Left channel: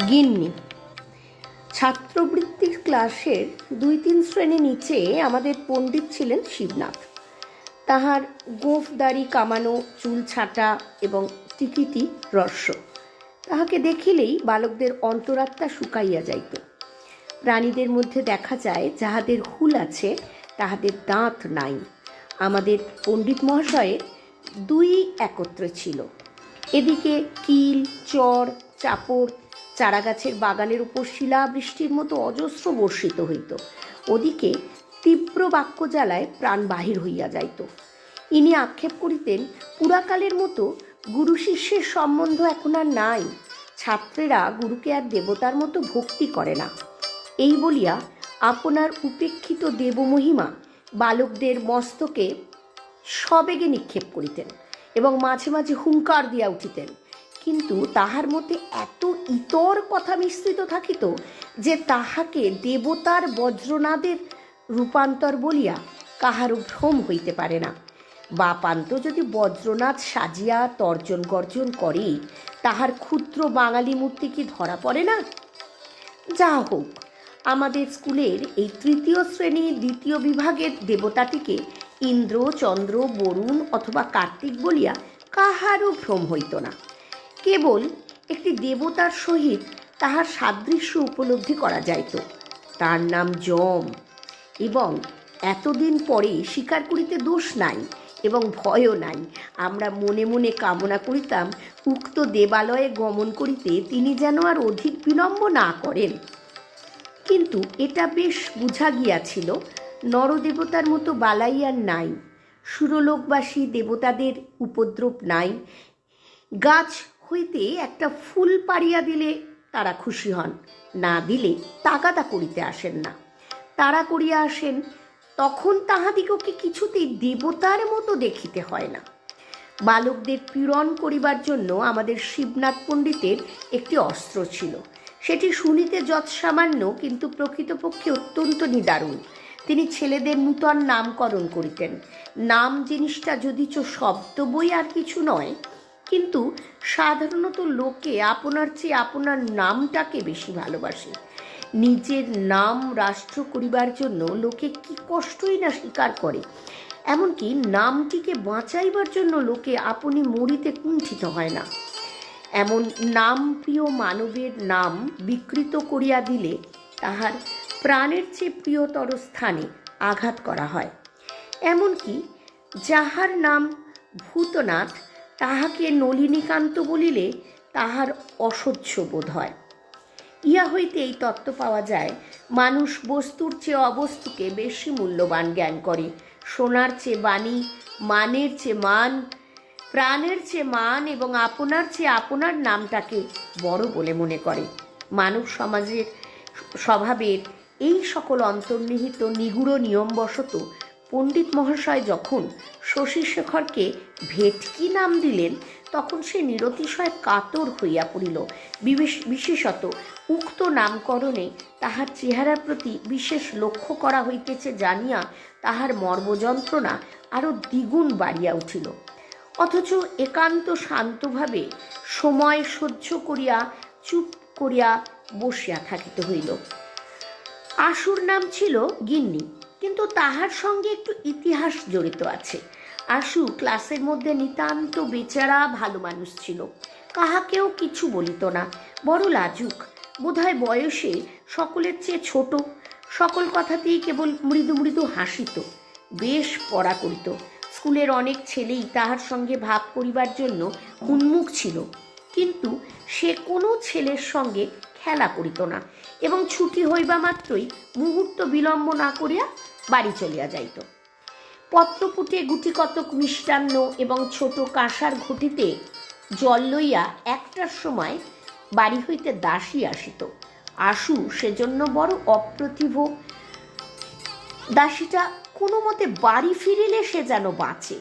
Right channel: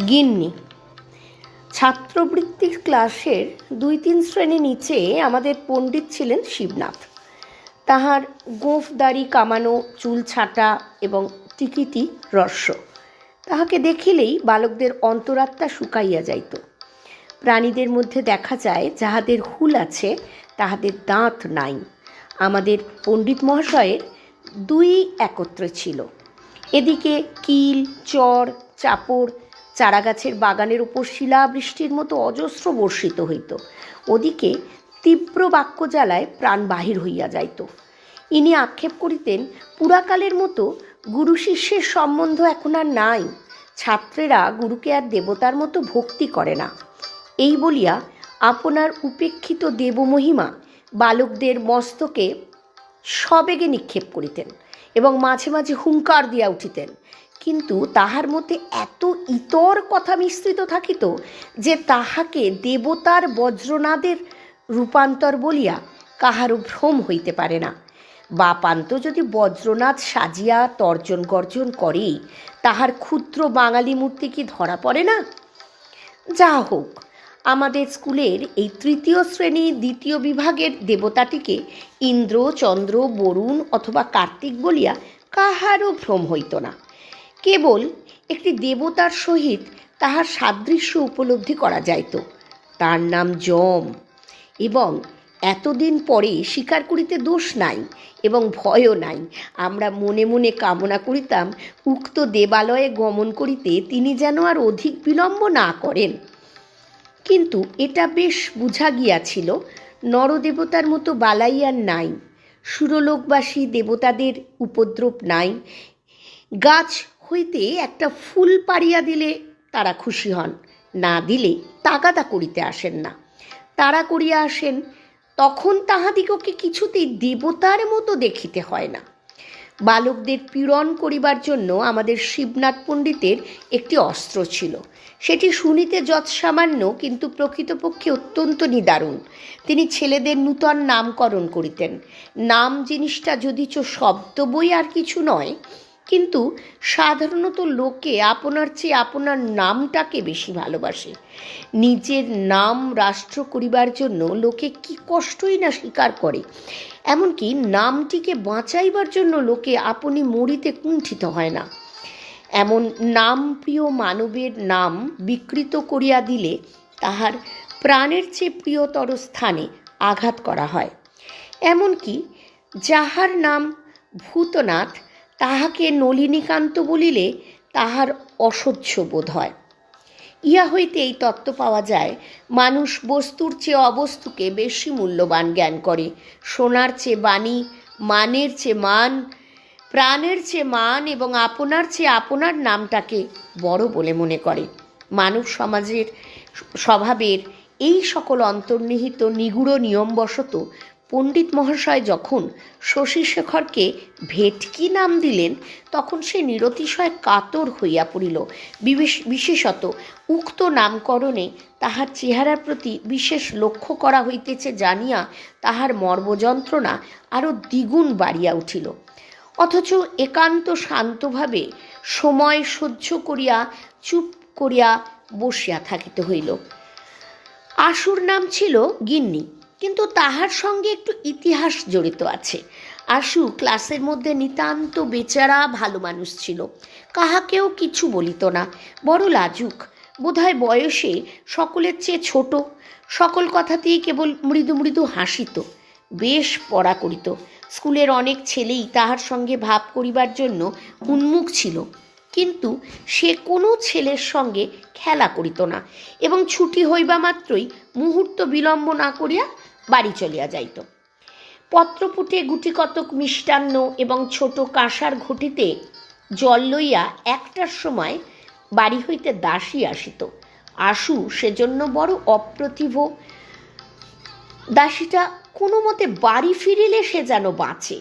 গিন্নি। ছাত্রবৃত্তির ক্লাসের ২-৩ শ্রেণী নিচে আমাদের পণ্ডিত ছিলেন শিবনাথ। তাহার গোঁফ দাড়ি কামানো, চুল ছাঁটা এবং টিকিটি রস্য। তাহাকে দেখিলেই বালকদের অন্তরাত্মা শুকাইয়া যাইত। প্রাণীদের মধ্যে দেখা যায় যাহাদের হুল আছে তাহাদের দাঁত নাই। আমাদের পণ্ডিত মহাশয়ের দুই একত্রে ছিল। এদিকে কিল, চর, চাপড় চারাগাছের বাগানের উপর শিলাবৃষ্টির মতো অজস্র বর্ষিত হইত। ওদিকে তীব্র বাক্যজ্বালায় প্রাণ বাহির হইয়া যাইত। ইনি আক্ষেপ করিতেন, পুরাকালের মতো গুরু শিষ্যের সম্বন্ধ এখন আর নাই। ছাত্রেরা গুরুকে আর দেবতার মতো ভক্তি করে না। এই বলিয়া আপনার উপেক্ষিত দেবমহিমা বালকদের মস্তকে সবেগে নিক্ষেপ করিতেন এবং মাঝে মাঝে হুঙ্কার দিয়া উঠিতেন। কিন্তু তাহার মধ্যে এত ইতর কথা মিশ্রিত থাকিত যে তাহাকে দেবতার বজ্রনাদের রূপান্তর বলিয়া কাহারও ভ্রম হইতে পারে না। বাপান্ত যদি বজ্রনাথ সাজিয়া তর্জন গর্জন করে, তাহার ক্ষুদ্র বাঙালি মূর্তি কি ধরা পড়ে না? যা হোক, আমাদের স্কুলের এই ৩য় শ্রেণী ২য় বিভাগের দেবতাটিকে ইন্দ্র, চন্দ্র, বরুণ অথবা কার্তিক বলিয়া কাহারও ভ্রম হইত না। কেবল একটি দেবতার সহিত তাহার সাদৃশ্য উপলব্ধি করা যাইত। তার নাম যম, এবং এতদিন পরে স্বীকার করিতে দোষ নাই এবং ভয়ও নাই। আমরা মনে মনে কামনা করিতাম উক্ত দেবালয়ে গমন করিতে তিনি যেন আর অধিক বিলম্ব না করেন। কিন্তু এটা বেশ বুঝা গিয়াছিল, নরদেবতার মতো বালাই আর নাই। সুরলোকবাসী দেবতাদের উপদ্রব নাই। গাছ হইতে একটা ফুল পাড়িয়া দিলে তারা খুশি হন, না দিলে তাগাদা করিতে আসেন না। তারা করিয়া আসেন, তখন তাহাদিগকে কিছুতেই দেবতার মতো দেখিতে হয় না। বালকদের পীড়ন করিবার জন্য আমাদের শিবনাথ পণ্ডিতের একটি অস্ত্র ছিল। সেটি শুনিতে যৎসামান্য, কিন্তু প্রকৃতপক্ষে অত্যন্ত নিদারুণ। তিনি ছেলেদের নূতন নামকরণ করিতেন। নাম জিনিসটা যদিচ শব্দ বই আর কিছু নয়, কিন্তু সাধারণত লোকে আপনার চেয়ে আপনার নামটাকে বেশি ভালোবাসে। নিজের নাম রাষ্ট্র করিবার জন্য লোকে কি কষ্টই না স্বীকার করে। এমনকি নামটিকে বাঁচাইবার জন্য লোকে আপনি মরিতে কুণ্ঠিত হয় না। এমন নাম প্রিয় মানবের নাম বিকৃত করিয়া দিলে তাহার প্রাণের চেয়ে প্রিয়তর স্থানে আঘাত করা হয়। এমনকি যাহার নাম ভূতনাথ, তাহাকে নলিনীকান্ত বলিলে তাহার অসহ্য বোধ হয়। ইহা হইতে এই তত্ত্ব পাওয়া যায়, মানুষ বস্তুর চেয়ে অবস্তুকে বেশি মূল্যবান জ্ঞান করে। সোনার চেয়ে বাণী, মানের চেয়ে মান, প্রাণের চেয়ে মান এবং আপনার চেয়ে আপনার নামটাকে বড় বলে মনে করে। মানব সমাজের স্বভাবের এই সকল অন্তর্নিহিত নিগূঢ় নিয়মবশত পণ্ডিত মহাশয় যখন শশীশেখরকে ভেটকি নাম দিলেন, তখন সে নিরতিশয় কাতর হইয়া পড়িল। বিশেষত উক্ত নামকরণে তাহার চেহারার প্রতি বিশেষ লক্ষ্য করা হইতেছে জানিয়া তাহার মর্মযন্ত্রণা আরও দ্বিগুণ বাড়িয়া উঠিল। অথচ একান্ত শান্তভাবে সময় সহ্য করিয়া চুপ করিয়া বসিয়া থাকিতে হইল। আশুর নাম ছিল গিন্নি, কিন্তু তাহার সঙ্গে একটু ইতিহাস জড়িত আছে। আশু ক্লাসের মধ্যে নিতান্ত বেচারা ভালো মানুষ ছিল। কাহাকেও কিছু বলিত না, বড় লাজুক, বোধহয় বয়সে সকলের চেয়ে ছোট। সকল কথাতেই কেবল মৃদু মৃদু হাসিত, বেশ পড়া করিত। স্কুলের অনেক ছেলেই তাহার সঙ্গে ভাব করিবার জন্য উন্মুখ ছিল, কিন্তু সে কোনো ছেলের সঙ্গে খেলা করিত না এবং ছুটি হইবা মাত্রই মুহূর্ত বিলম্ব না করিয়া বাড়ি চলিয়া যাইত। পত্রপুটে গুটিকতক মিষ্টান্ন এবং ছোট কাঁসার ঘটিতে জল লইয়া ১টার সময় বাড়ি হইতে দাসী আসিত। আশু সেজন্য বড় অপ্রতিভ। দাসীটা কোনো মতে বাড়ি ফিরিলে সে যেন বাঁচে।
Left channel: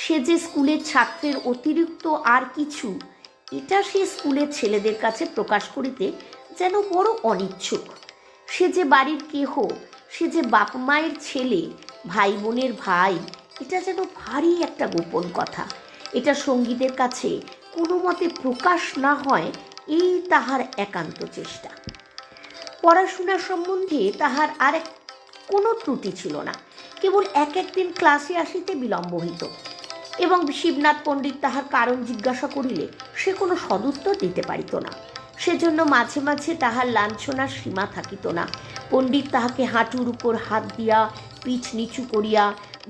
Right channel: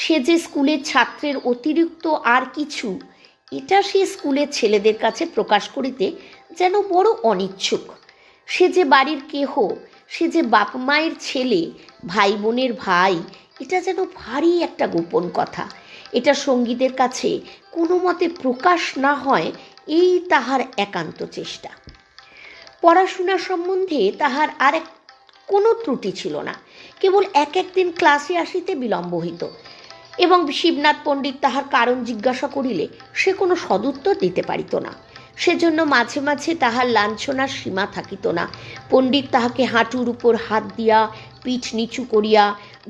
সে যে স্কুলের ছাত্রের অতিরিক্ত আর কিছু, এটা সে স্কুলের ছেলেদের কাছে প্রকাশ করিতে যেন বড় অনিচ্ছুক। সে যে বাড়ির কেহ, সে যে বাপ মায়ের ছেলে, ভাই বোনের ভাই, এটা যেন ভারী একটা গোপন কথা। এটা সঙ্গীদের কাছে কোনো মতে প্রকাশ না হয় এই তাহার একান্ত চেষ্টা। পড়াশোনা সম্বন্ধে তাহার আর কোনো ত্রুটি ছিল না, কেবল একদিন ক্লাসে আসিতে বিলম্ব হইত এবং শিবনাথ পণ্ডিত তাহার কারণ জিজ্ঞাসা করিলে সে কোনো সদুত্তর দিতে পারিত না। সেজন্য মাঝে মাঝে তাহার লাঞ্ছনার সীমা থাকিত না। পণ্ডিত তাহাকে হাঁটুর উপর হাত দিয়া পিঠ নিচু করিয়া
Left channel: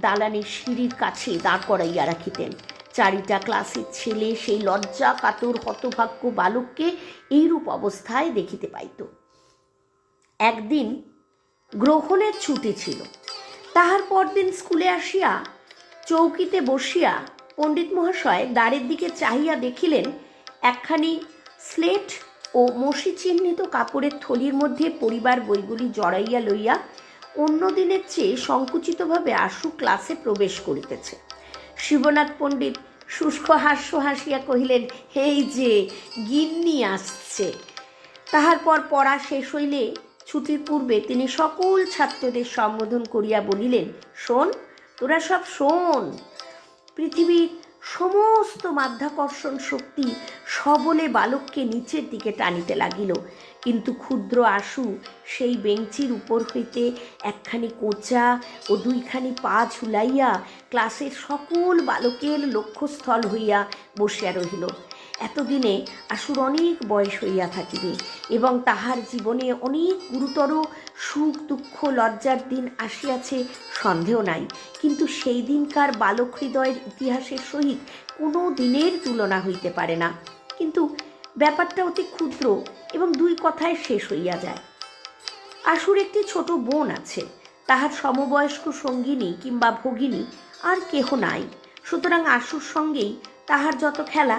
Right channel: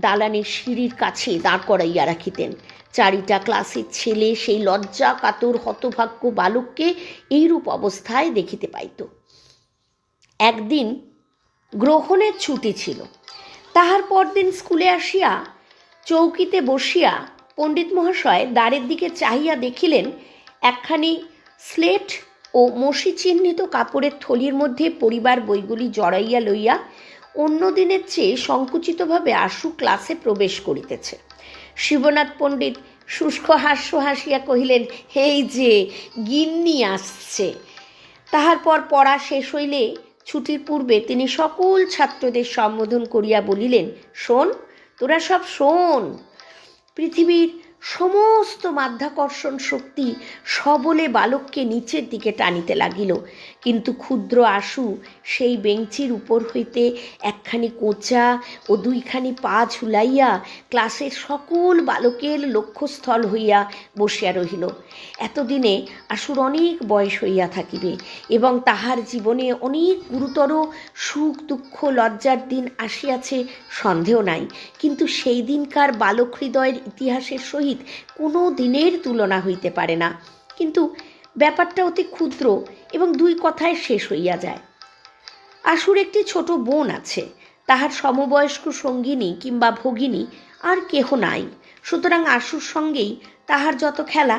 দালানের সিঁড়ির কাছে দাঁড় করাইয়া রাখিতেন। চারিটা ক্লাসের ছেলে সেই লজ্জা কাতর হতভাগ্য বালককে এইরূপ অবস্থায় দেখিতে পাইত। একদিন গ্রহণের ছুটি ছিল। তাহার পরদিন স্কুলে আসিয়া চৌকিতে বসিয়া পণ্ডিত মহাশয় দ্বারের দিকে চাহিয়া দেখিলেন একখানি স্লেট ও মসি চিহ্নিত কাপড়ের থলির মধ্যে পরিবার বইগুলি জড়াইয়া লইয়া অন্য দিনের চেয়ে সংকুচিতভাবে আশু ক্লাসে প্রবেশ করিতেছে। শিবনাথ পণ্ডিত শুষ্ক হাস্য হাসিয়া কহিলেন, এই যে গিন্নি আসছে। তাহার পর পড়া শেষ হইলে ছুটির পূর্বে তিনি সকল ছাত্রদের সম্বোধন করিয়া বলিলেন, শোন, তোরা সব শোন। পৃথিবীর সমস্ত মাধ্যাকর্ষণ শক্তি সবলে বালককে নিচের দিকে টানিতে লাগিল, কিন্তু ক্ষুদ্র আশু সেই বেঞ্চির উপর হইতে একখানি কোঁচা ও দুইখানি পা ঝুলাইয়া ক্লাসের সকল বালকের লক্ষ্যস্থল হইয়া বসিয়া রহিল। এতদিনে আশুর অনেক বয়স হইয়া থাকিবে এবং তাহার জীবনে অনেক গুরুতর সুখ দুঃখ লজ্জার দিন আসিয়াছে সন্দেহ নাই, কিন্তু সেই দিনকার বালক হৃদয়ের ইতিহাসের সহিত কোনো দিনের তুলনা হইতে পারে না। কিন্তু ব্যাপারটা অতি ক্ষুদ্র এবং দুই কথায় শেষ হইয়া যায়। আশুর একটি ছোট বোন আছে, তাহার সমবয়স্ক সঙ্গিনী কিংবা ভগিনী আর কেহ নাই। সুতরাং আশুর সঙ্গেই তাহার যত খেলা।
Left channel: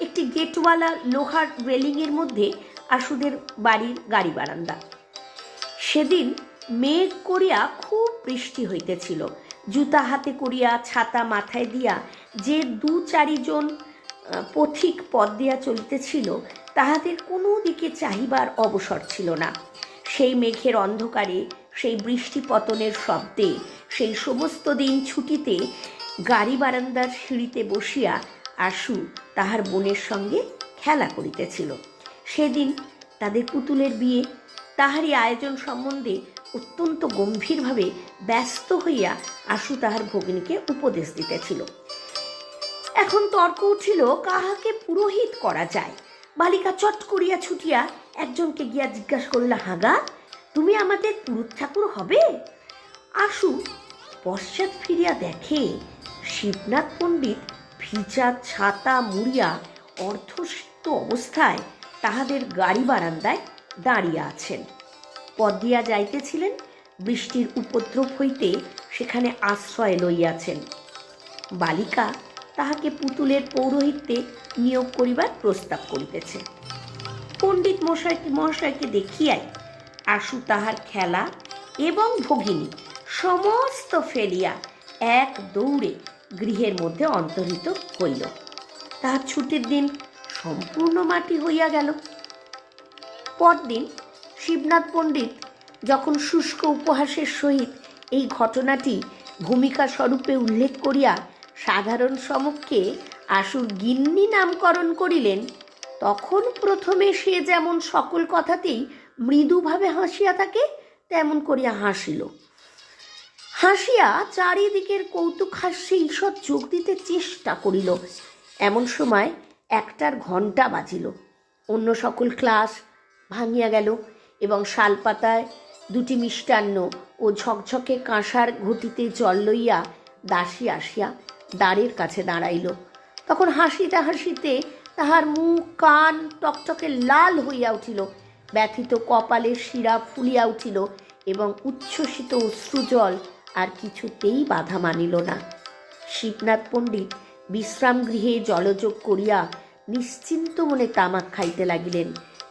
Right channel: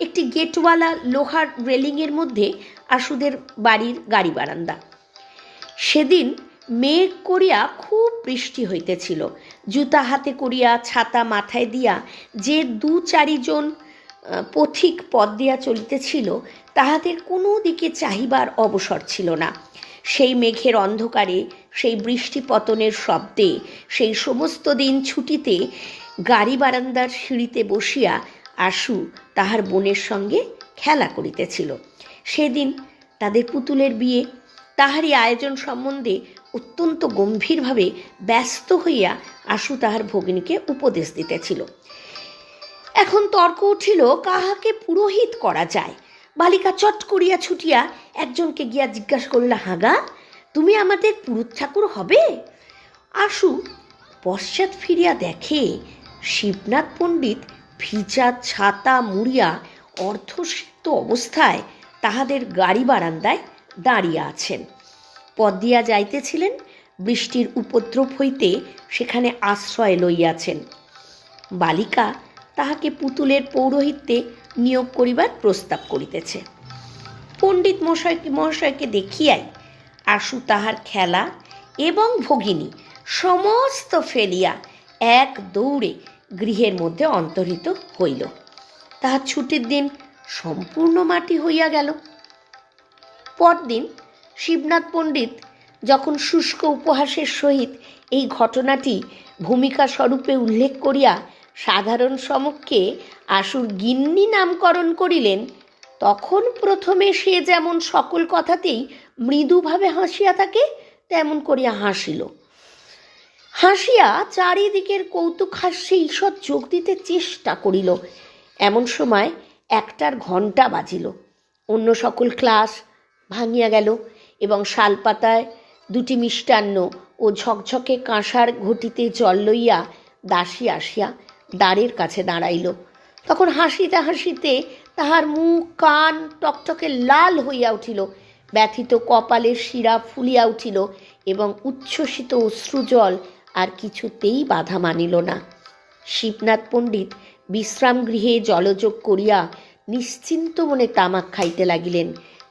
একটি গেটওয়ালা লোহার রেলিংয়ের মধ্যে আশুদের বাড়ির গাড়ি বারান্দা। সেদিন মেঘ করিয়া খুব বৃষ্টি হইতেছিল। জুতা হাতে করিয়া ছাতা মাথায় দিয়া যে 2-4 জন পথিক পথ দিয়া চলিতেছিল তাহাদের কোনো দিকে চাহিবার অবসর ছিল না। সেই মেঘের অন্ধকারে, সেই বৃষ্টি পতনের শব্দে, সেই সমস্ত দিন ছুটিতে গাড়ি বারান্দার সিঁড়িতে বসিয়া আশু তাহার বোনের সঙ্গে খেলা করিতেছিল। সেদিন তাদের পুতুলের বিয়ে। তাহারই আয়োজন সম্বন্ধে অত্যন্ত গম্ভীরভাবে ব্যস্ত হইয়া আশু তাহার ভগিনীকে উপদেশ দিতেছিল। এখন তর্ক উঠিল কাহাকে পুরোহিত করা যায়। বালিকা চট করিয়া ছুটিয়া একজনকে গিয়া জিজ্ঞাসা করিল, হাগা, তুমি আমাদের পুরুত ঠাকুর হবে? আশু পশ্চাৎ ফিরিয়া দেখে শিবনাথ পণ্ডিত ভিজা ছাতা মুড়িয়া অর্ধসিক্ত অবস্থায় তাহাদের গাড়ি বারান্দায় দাঁড়িয়ে আছেন। পথ দিয়া যাইতেছিলেন, বৃষ্টির উপদ্রব হইতে সেখানে আশ্রয় লইয়াছেন। বালিকা তাহাকে পুতুলের পৌরোহিত্যে নিয়োগ করিবার প্রস্তাব করিতেছে। পণ্ডিত মহাশয়কে দেখিয়াই আশু তাহার খেলা এবং ভগিনী সমস্ত ফেলিয়া এক দৌড়ে গৃহের মধ্যে অন্তর্হিত হইল। তাহার ছুটির দিন সম্পূর্ণ মাটি হইয়া গেল। পরদিন শিবনাথ পণ্ডিত যখন শুষ্ক উপহাসের সহিত এই ঘটনাটি ভূমিকা স্বরূপে উল্লেখ করিয়া সাধারণ সমক্ষে আশুর গিন্নি নামকরণ করিলেন, তখন প্রথমে সে যেমন সকল কথাতেই মৃদুভাবে হাসিয়া থাকে তেমন করিয়া হাসিল। হাসিয়া চারিদিকের কৌতুক হাস্যে ঈষৎ যোগ দিতে চেষ্টা করিল। এমন সময় 1টার ঘণ্টা বাজিল। অন্য সকল ক্লাস ভাঙিয়া গেল এবং শালপাতায় 2টি মিষ্টান্ন ও ঝকঝকে কাঁসার ঘটিতে জল লইয়া দাসী আসিয়া দ্বারের কাছে দাঁড়াইল। তখন হাসিতে হাসিতে তাহার মুখ কান টকটকে লাল হইয়া উঠিল, ব্যথিত কপালের শিরা ফুলিয়া উঠিল এবং উচ্ছ্বসিত অশ্রুজল আর কিছুতেই বাধা মানিল না। শিবনাথ পণ্ডিত বিশ্রাম গৃহে জলযোগ করিয়া নিশ্চিন্ত মনে তামাক খাইতে লাগিলেন।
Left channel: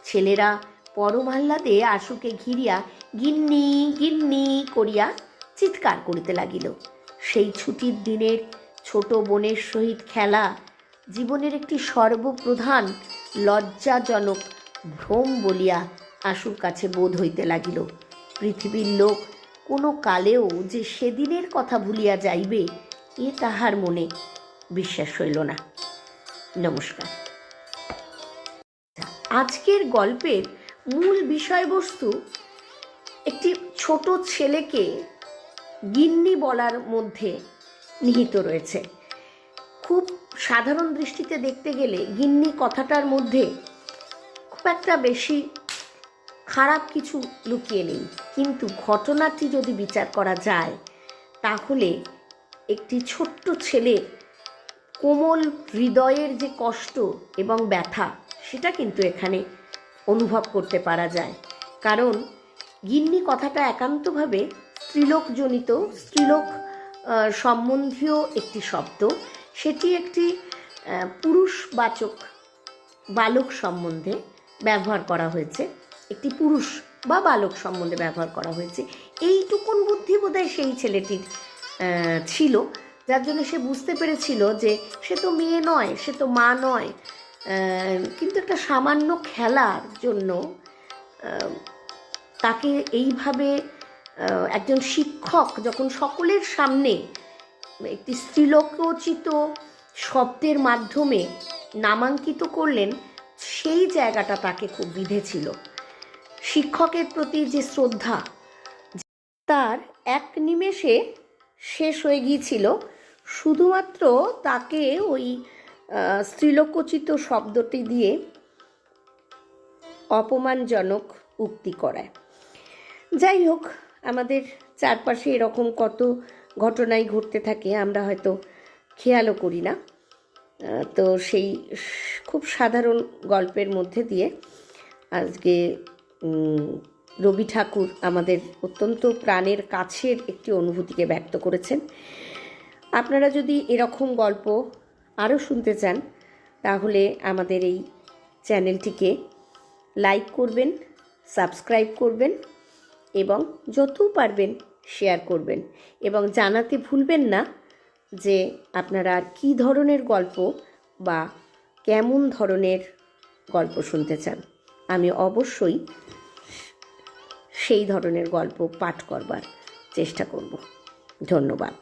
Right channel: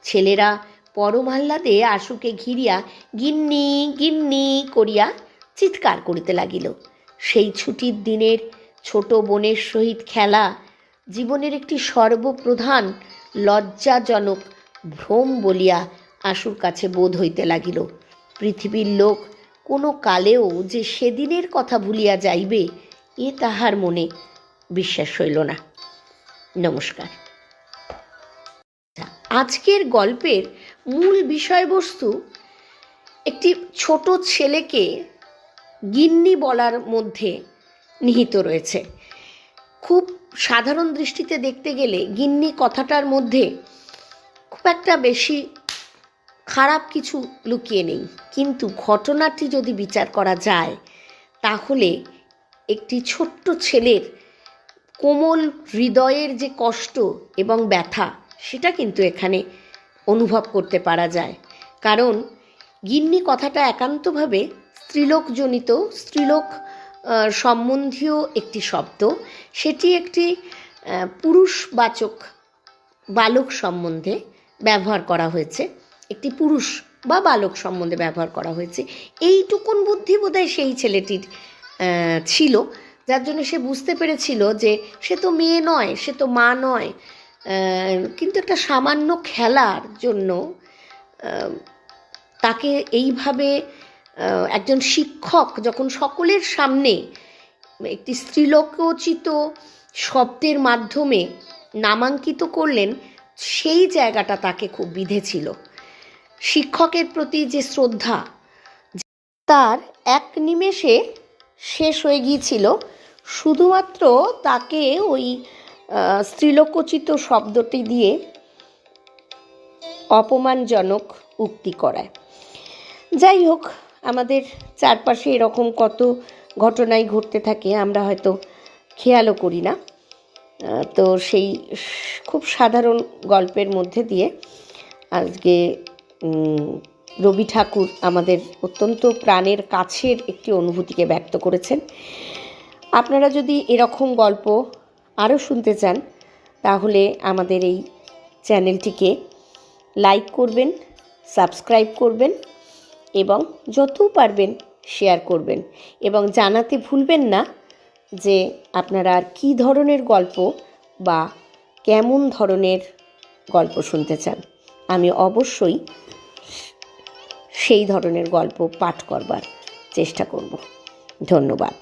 ছেলেরা পরমাহ্লাদে আশুকে ঘিরিয়া গিন্নি গিন্নি করিয়া চিৎকার করিতে লাগিল। সেই ছুটির দিনের ছোট বোনের সহিত খেলা জীবনের একটি সর্বপ্রধান লজ্জাজনক ভ্রম বলিয়া আশুর কাছে বোধ হইতে লাগিল। পৃথিবীর লোক কোনো কালেও যে সেদিনের কথা ভুলিয়া যাইবে এ তাহার মনে বিশ্বাস হইল না। নমস্কার। আজকের গল্পের মূল বিষয়বস্তু একটি ছোট ছেলেকে গিন্নি বলার মধ্যে নিহিত রয়েছে। খুব সাধারণ দৃষ্টিতে দেখতে গেলে গিন্নি কথাটার মধ্যে খুব একটা বেশি খারাপ কিছু লুকিয়ে নেই, কিন্তু ঘটনাটি যদি বিচার করা যায় তাহলে একটি ছোট্ট ছেলের কোমল হৃদয়ের যে কষ্ট এবং ব্যথা সেটা কিন্তু এখানে অনুভব করতে পারা যায়। কারণ গিন্নি কথাটা একান্তভাবে স্ত্রীলোকজনিত, স্ত্রীলোক সম্বন্ধীয় একটি শব্দ। সেটি একটি পুরুষবাচক বালক সম্বন্ধে ব্যবহার করা হয়েছে, একটি পুরুষ বা বালক সম্বন্ধে ব্যবহার করা হয়েছে। এইটুকুন বুদ্ধি বোধহয় সেই ছেলেটির ছিল, যার জন্য সে বুঝতে পেরেছিল যে সে তো মেয়ে নয়, সে তো মা নয়, কিন্তু একটা সামান্য খেলার জন্য তাকে এইভাবে একজন শিক্ষক যখন সকলের সামনে একটি স্ত্রীলোকোচিত শব্দের মাধ্যমে নামাঙ্কিত করলেন, সেই জায়গাটা তাকে খুব বিঁধেছিল। শিক্ষকের প্রতি যে শ্রদ্ধা তার এক নিমেষে শেষ হয়ে গিয়েছিল শুধুমাত্র তাকে ওই স্ত্রীলোকোচিত শব্দটি দিয়ে অপমানজনক উক্তি করায়। যাই হোক, আমাদের চারপাশে এরকম কত ঘটনাই ঘটতে থাকে, আমরা হয়তো খেয়ালও করি না। তো সেই খুব সাধারণ গল্পের মধ্যে দিয়ে আজকে রবি ঠাকুর আমাদের অত্যন্ত প্রাণের কাছের একটি অনুভূতিকে ব্যক্ত করেছেন। আপনারা যদি এরকম গল্প আরও শুনতে চান তাহলে আমাদের এই চ্যানেলটিকে লাইক করবেন, সাবস্ক্রাইব করবেন এবং যত পারবেন শেয়ার করবেন, এবং জানাতে ভুলবেন না যে আপনারা আর কী ধরনের গল্প বা কেমন ধরনের গল্প শুনতে চান। আমি অবশ্যই সেই ধরনের গল্প পাঠ করবার চেষ্টা করব। ধন্যবাদ।